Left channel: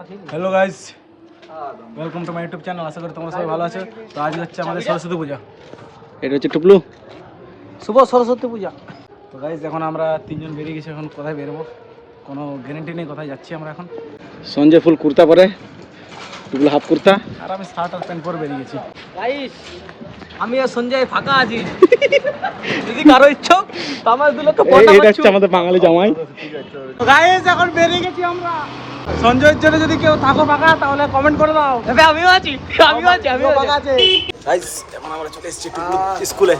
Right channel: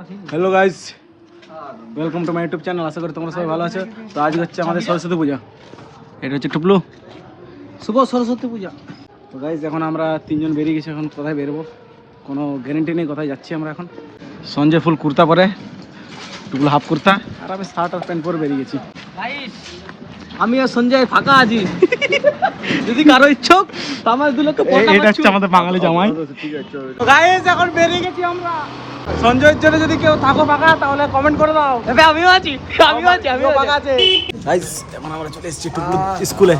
Hello guys, welcome to my YouTube channel. আশা করি তোমরা সবাই ভালো আছো। তো আজ হচ্ছে আমাদের সরস্বতী পূজা। এটা হচ্ছে টুপলু, শুভ সরস্বতী পূজা। তো গাইস এখন আমরা তিনজন বেরিয়ে গেছি। এখন কোথায় বেরোবো কোনো গ্যারেন্টি নেই, কোথায় যাচ্ছি আমরা এখন। সঞ্জয় ফুল কুর্তা পরে, টুপলু হাফ কুর্তা, আর আমি শার্ট আর প্যান্ট পরে বেরিয়ে গেছি। গাইস আমি আর সঞ্জয় ফাঁকা আছি, যদি কারো ইচ্ছুক তো আমার দুলোকে এটা হচ্ছে আমাদের বাঙালি জামাই। তো গাইস এখন বেরিয়ে গেছি আমরা। সঞ্জয়ের জন্য যদি কেউ থাকো ফাঁকা তাহলে কমেন্ট করে দাও। আমিও আছি, আমিও ফাঁকা আছি। গাইস এখন আমরা চলে এসেছি টুপলু স্কুলে।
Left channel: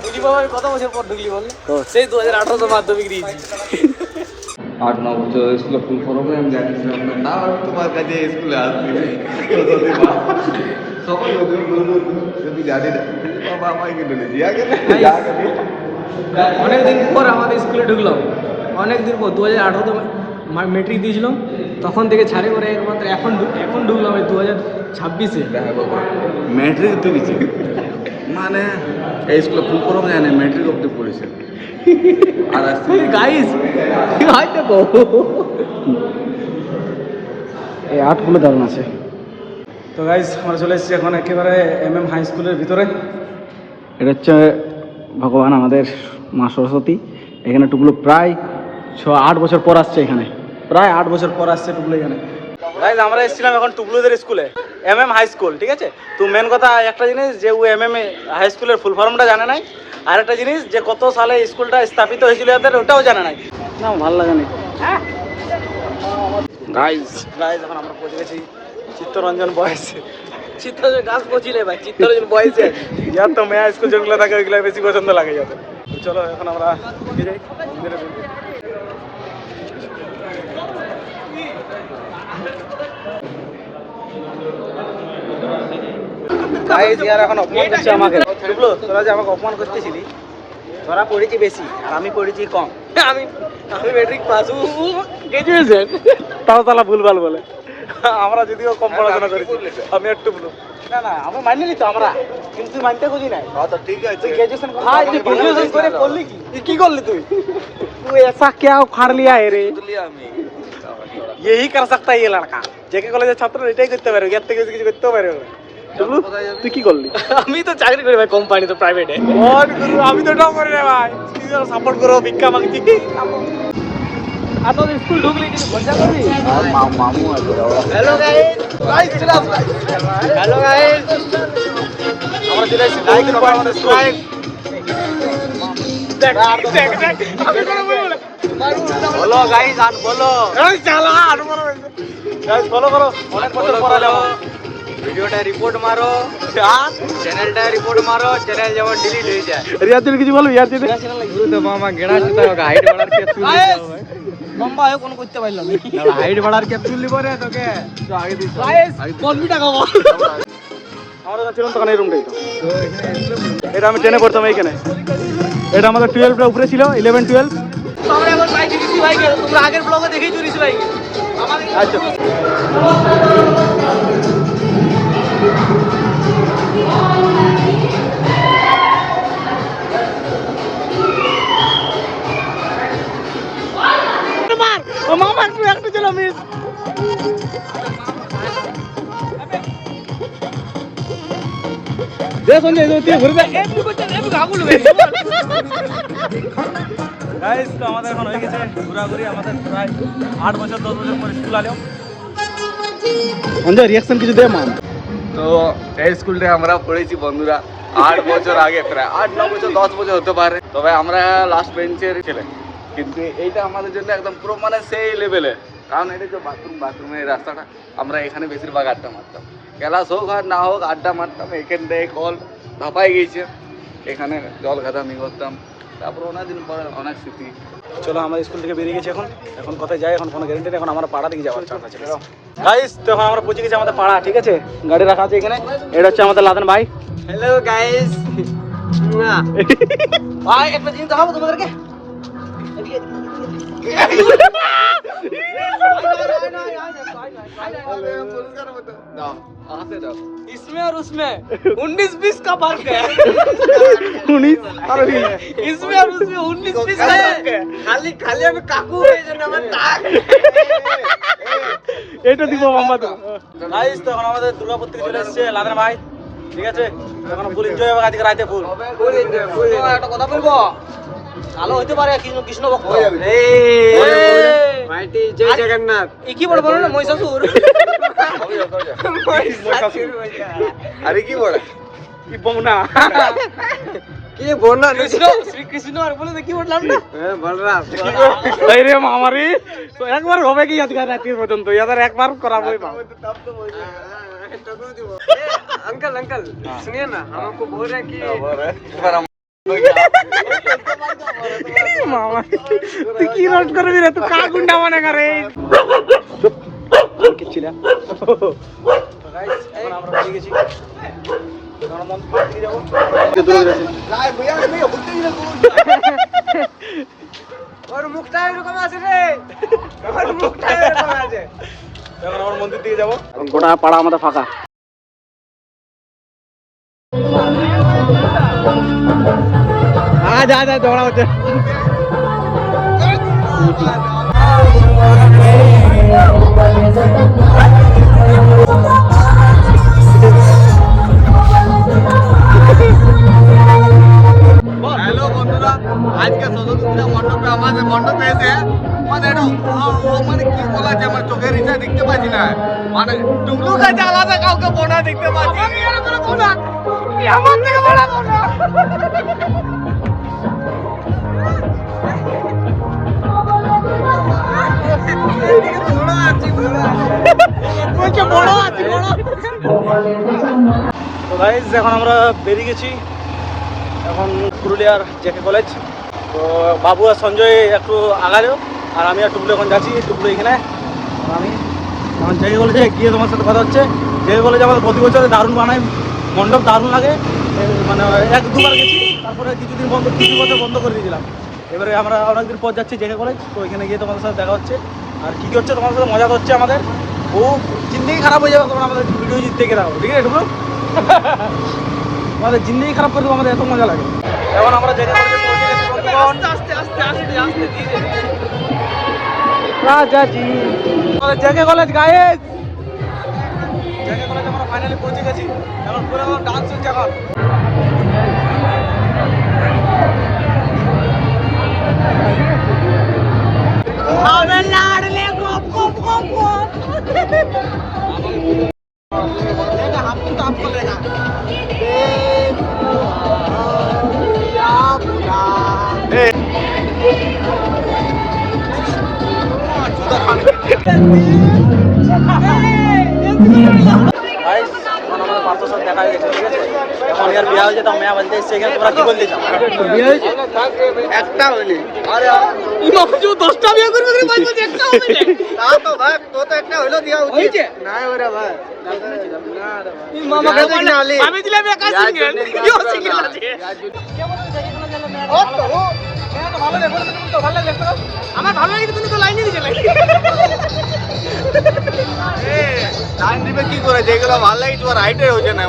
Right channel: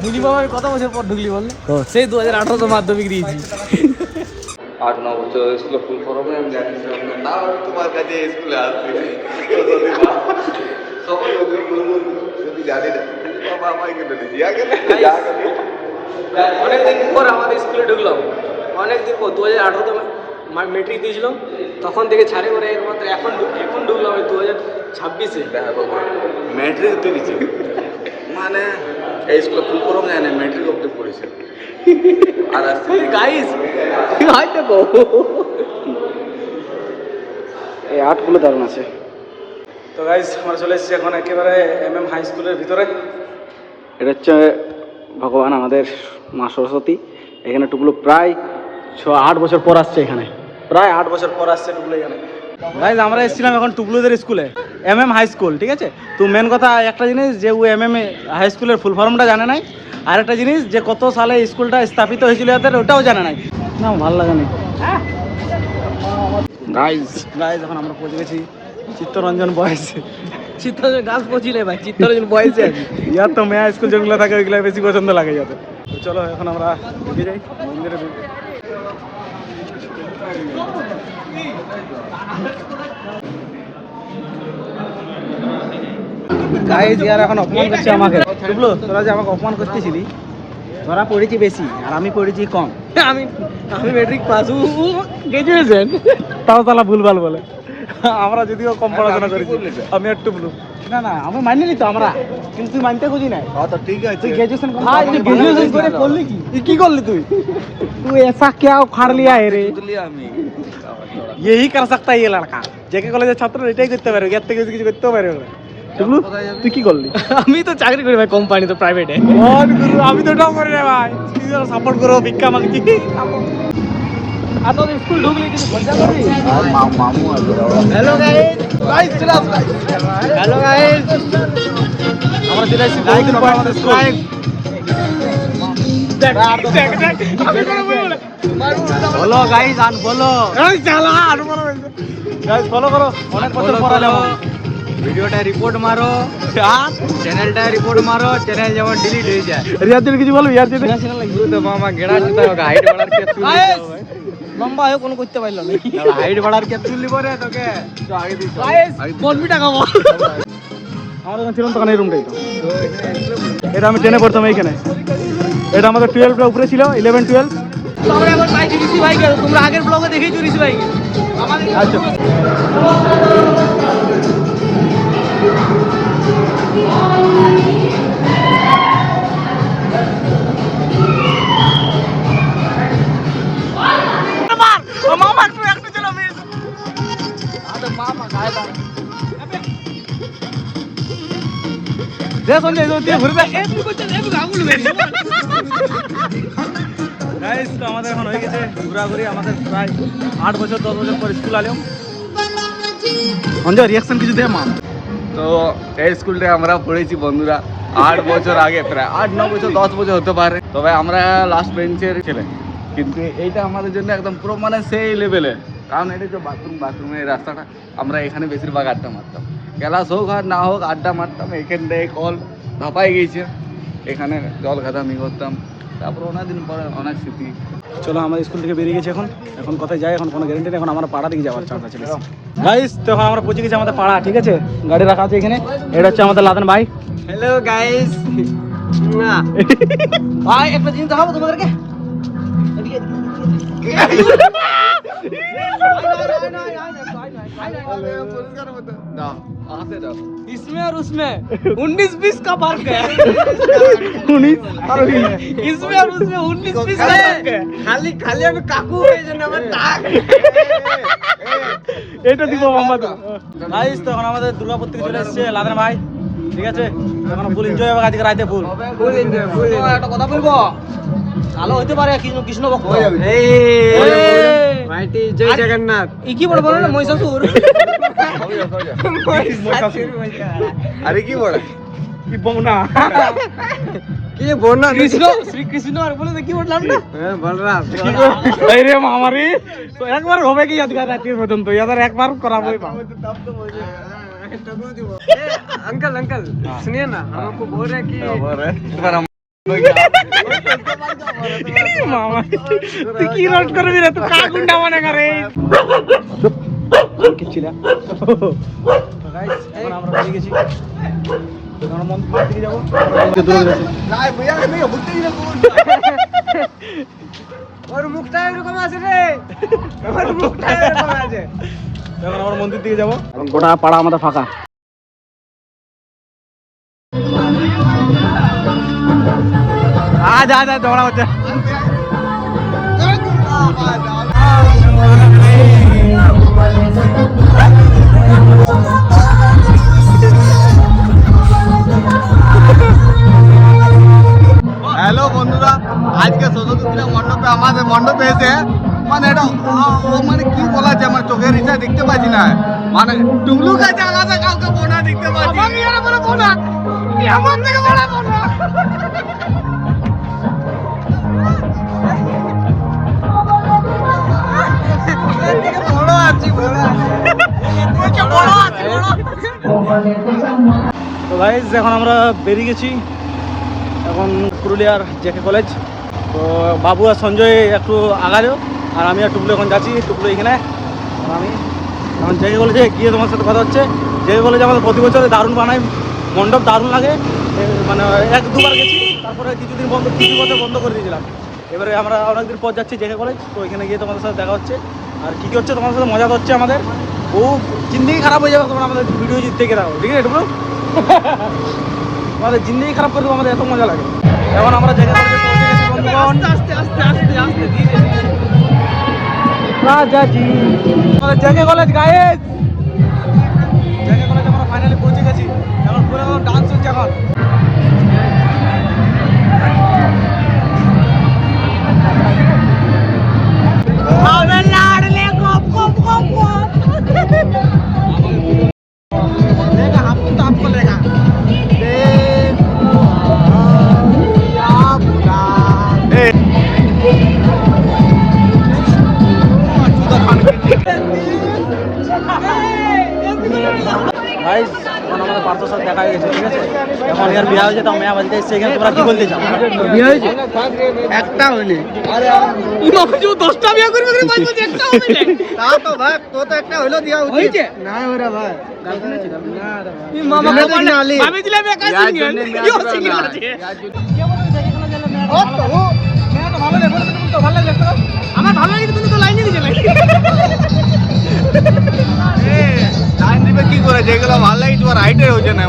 ঢুকলি বাবার কত বছর পর ঢুকলি বল? সেই 2018 তো মাধ্যমিক দিয়েছি। 8-9 বছর স্কুলে ফুল ফরমে আমি জানিছিলাম না, তাও তোমার কাছে স্কুলে আসছি সকল জানি না বাবা আমাকে বলে দিয়া গেল। অনেকদিন পর আমাদের স্কুলে ঢুকলাম, অনেকদিন পর 2018 তো মেট্রিক দিয়েছিলাম, তখন থেকে ছাড়ে করে একমাত্র এখন ঢুকলাম এই 2026-এ। দেখা বাবা ম্যাট্রিক তুলেছি, মানে এই স্কুলে ফুল ফরমে জানে ম্যাট্রিক অব্দি পড়েছে। আর আসছি গাইস এই আর্টগুলো দারুণ আছে। তো গাইস আমরা চলে এসেছি এখন একেবারে MM হাই স্কুলের ভিতরে। এটা হচ্ছে ভগবান আমাদের মা সরস্বতী। এখানে টুকলো প্রায় 8 বছর পর আসছে, এখানে প্রায় 8 বছর পর আসছে টুকলো এখানে। গাইস আমরা এসেছিলাম এখন টুকলুদের স্কুলে, MM হাই স্কুল, ঠিক আছে। তো মেন কথা একটা জিনিস, যে ও MM হাই স্কুলের ফুল ফর্মটা জানে নাই, আর একটা জিনিস যে কত সালে স্কুলটা স্থাপিত হয়েছিল এদের ওটাও জানে নাই। না ভালো লাগে না। গাইস এখন আমরা পৌঁছে গেছি চিত্তরঞ্জন বয়েস। চিত্তরঞ্জন গাছ পচিলে ভাই, চিত্তরঞ্জন বয়সে আছে। ইয়ার তো মেয়া স্কুল যেগুলো থাকে ওইগুলো বেশি পছন্দ লাগে যাতে। চলো এখন আমরা মন্দিরে গাইস ইয়ার এখন অপমান করছে আমাকে। বুঝলো, তোরা যে আমাকে অপমান করতেছিলি, তোরা পড়েছি বেশি আর আমি পড়েছি কম। আমি ম্যাট্রিক পাস, গ্রাজুয়েশন। তাও তালা ভুলভাল বলে। আমরা যদিও কম পড়াশোনা করেছি, আমি একটু বলু না আমি মানিনি তো আমরা, কিন্তু তুই মানতে খুঁজি না। তো ঠিক আছে, তুই গ্রাজুয়েশন করে করলি কি করলি তুই ऐसा क्या उखाड़ लिया है रे? আমি यही कर सकता है ये लड़का। जेके কলেজের ছাত্র এটাই করতে পারে, এর থেকে কিছু করতেও পারে না। টুকলু তুই কি করলি? আমি তো চাকরি করি ভাই কোম্পানি, তো প্রাইভেটে। আমি তো ওটাও করি না ভাই, সাপোর্ট করো, ভিক্ষা মাগছি। স্কুল ঢুকলি কিছু মজা করলি? হ্যালো গাইস, হ্যালো গাইস, আমরা চলে আসছি like and subscribe. Follow guys, unfollow. এই শালা আনফলো গাইস, ফলো করো। অনেক বছর পর আলো ভিডিওটা রিপোর্ট মারো, আর চ্যানেলটা রিপোর্ট মারো, চ্যানেল যেমন ডিলিট হয়ে যায়। রিয়াজ কিছু বলো, রিয়াজ গাইস লম্বা হয়ে কোনো করতে পারলো না, হাইট বাড়ার ক্যাপসুল লিবো রে তোকে। গাইস বলবি টাকা বল। আমার যখন ছিলাম তখন এই রুমটা এটা আমি 10-এ পড়তাম এইখানে। এটা আমাদের 12 এর উপরে ছিল, 11-12। তোমরা এখন পাইছি ঋষি ভাইকে, তোমরা আগের ব্লগে দেখেছো ঋষি ভাইকে। আমাদের মামা একটু চলো মিস। দে সঞ্জয় তুই ঘুরে দেখ। গাইস তো আমাদের এখন হয়ে গেছে ঘোরাঘুরি, আমাদের প্রায় 8 বছর 10 বছর পর স্কুল আলাম। সঞ্জয় রিয়াকশন কিছু দে মাম। তো এই স্কুলটা আমরা পড়েছি বন্ধুরা 8 বছর আগে, প্রায় 8-9 বছর 10 বছর হতে পারে। তবে আমরা লাস্ট বেঞ্চের ছিলেন, কিন্তু এইটা আমাদের জন্য একদম পুরো মানে সেই লেভেলের। কারণ এটা যে বাথরুমের রাস্তাটা, আমরা এখানে বেশিরভাগ আড্ডা মারতাম। ক্লাস হোক আর না হোক আড্ডা মারতাম। এখানটায় কল ধাপাই গেছে, এখানে জল খাতামি করতাম। তারপর অনেকদিন পরে অনেক স্মৃতি। চলো আমাদের স্কুল থেকে বেরিয়ে গেছি, এখন কোথায় যাই এখন কোনো গ্যারান্টি নেই। এখন আমরা পাড়া থেকে যাওয়ার চান্স আছে বেশি। গাইস তো এখন আমরা পৌঁছে গেছি আমাদের পাড়া, ঠিক আছে। গাড়ি রাখা আছে এখানে। এটা হচ্ছে আমাদের লাদেন ভাই। হ্যালো গাইস, না ভাই একটা জিনিস দেখাবো তোমাদেরকে। इसमें और उसमें 19-20 का फर्क है। इसमें और उसमें 19-20 का फर्क है। खाली खाली अभी काकू है जो नमन ताक এইটা দিব মোহাম্মদ গাইস। তখন আমাদের দুর্গাপুর থেকে চলে এসেছে লাদেন ভাই, ঠিক আছে? এখন ফুল এনজয় হবে আজকে রাতে, ফুল এনজয়। একটা কথা বলবো, কালো হইতে পারে কৃষ্ণ ভক্ত। এই মাইটি জয় জগন্নাথ। কি বড় বলো না মহিষাসুর। আরে কি বলে কি বউনা, কি বলনা কৃষ্ণ শ্রীকৃষ্ণ আর বলে কি বললাম না, বলরাম। अरे हमारी तो एक बार होवे की याद कर रखे वजन तो याद एक बार कराबो अंकल अंकल सुनिए ना, हम आपको बोल रहे हैं कि मामा तू की रोट कर भी रे, तू का गुंडा बने करे किछि ना। तो गाइस এখন আমরা বেরিয়ে গেছি, এখন মন মার দিকে যাব, দূরে দূরে আছে নাই ভইয়া কে বুদ্ধি রে ওর মুখটা এরকম আছে রে, আমার মুখটা এরকম আছে। এখন আমরা মন্দির দিকে যাব, গোটা পাড়া আমাদের ফাঁকা। আজ আজ দৌড়া হচ্ছে। হ্যালো বন্ধুরা, আজকে সরস্বতী পূজা মণ্ডপে আমাদের মণ্ডপে এসে মানে এটা মানে কি বলা যায়, আমার চোখের ইচ্ছা দেখতে পাচ্ছি না। মানে টুকলু কাছে আলাদা কাউকে বোনা দেখতে পাচ্ছি, বোনা আমার থেকে বড় বোনা। বড় আছি বড় বলছে বড় আছি বড়। তো গাইস এখন আমরা বেরিয়ে গেছি, এখন পুরুলিয়ার জেকে কলেজ। তো বাবু আর সঞ্জয় একটু আগালো, আর আমি আর টুকলু এখন যাচ্ছি। টুকলু এখানে, আর আমি এখন জেকে কলেজে গিয়ে তোমার সাথে কথা হচ্ছে। জেকে কলেজে আমাদের প্রতি বছর দারুণ বানাই, মণ্ডপ দারুণ লাগে। মানে এক দুবার গেছি, তারপরে কিছুদিন বন্ধ, কিছু বছর বন্ধ করে দিয়েছিলাম। এবারে আমরা অনেকদিন পর যাচ্ছি জেকে কলেজ, তো এখানে গিয়ে তোমাদের সাথে দেখা হচ্ছে। আর কী কী হচ্ছে তোমাদের সাথে মজা করছে আমাদের, ও জিন্দেগি খারাপ হয়ে যাবে তোমরা আমাদের ভিডিও জিত থেকে রাখো, ঠিক আছে টুকলু? আমাদের জিন্দেগি খারাপ করে দেবো, আমাদের এত মজা লাগে। এখন আমরা জেকে কলেজে পৌঁছে গেছি বন্ধুগণ। আস্তে আস্তে আস্তে আস্তে ধীরে ধীরে রাজাজি আমাদের JK college guys, JK college আমরা ফাইনালি পৌঁছে গেছি। এখন পুরো ডান্স হচ্ছে এখন। গাইস এখন আমাদের পাঁচশোর সাথে দেখা গেছে, ঠিক আছে? এখন এর বিয়ে হয়েছে, তো মেয়া বাজে এসছে এখানে। তোমরা কি বলতে চাও? বিয়ে হয়েছে একটা হইনি। আরে বাবু 10টা বিয়ে করবি রে ভাই, বলছে একটা হবে তা তো ভাই, তো তো একটা হইলো দিয়া উচিত না ওরে ভাই। না রে ভাই, জন্য তো কিনা আলি আমি দিলাম একা সিঙ্গেল, কি সিঙ্গেল আছে? ও তো মেয়া তো ভালো লাগে, তুমি তো ভালো লাগে তো। আমার ভালো লাগে, তুমি তো লাইনই দিছিলে। লাইন দিবে কি করে, যেগুলো ভালো লাগে তোমার রাইটে হচ্ছে না।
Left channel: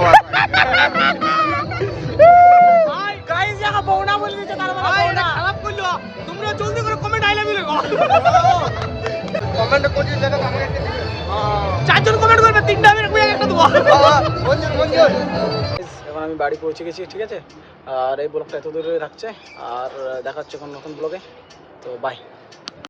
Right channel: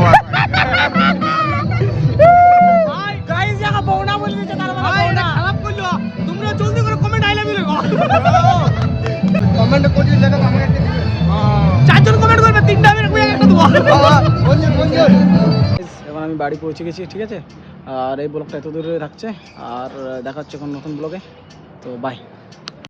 গাইস জায়গা বউনা বলে দিতে, তার ভাই এটা খারাপ করলো। তোমরা জলদি করে কমেন্ট আই লাভ ইউ লিখো, কমেন্ট করে জায়গা আমাকে একটা দিবে। চারজন কমেন্ট করবে, তিনটা আমি একটা দেবো। বন্ধু বন্ধু এখন আমি বাড়ি পৌঁছে গেছি, ঠিক আছে? আর এই ব্লগটা এত দূরে থাকছে, আর দেখা হচ্ছে কোনো নতুন ব্লগে। তো বাই।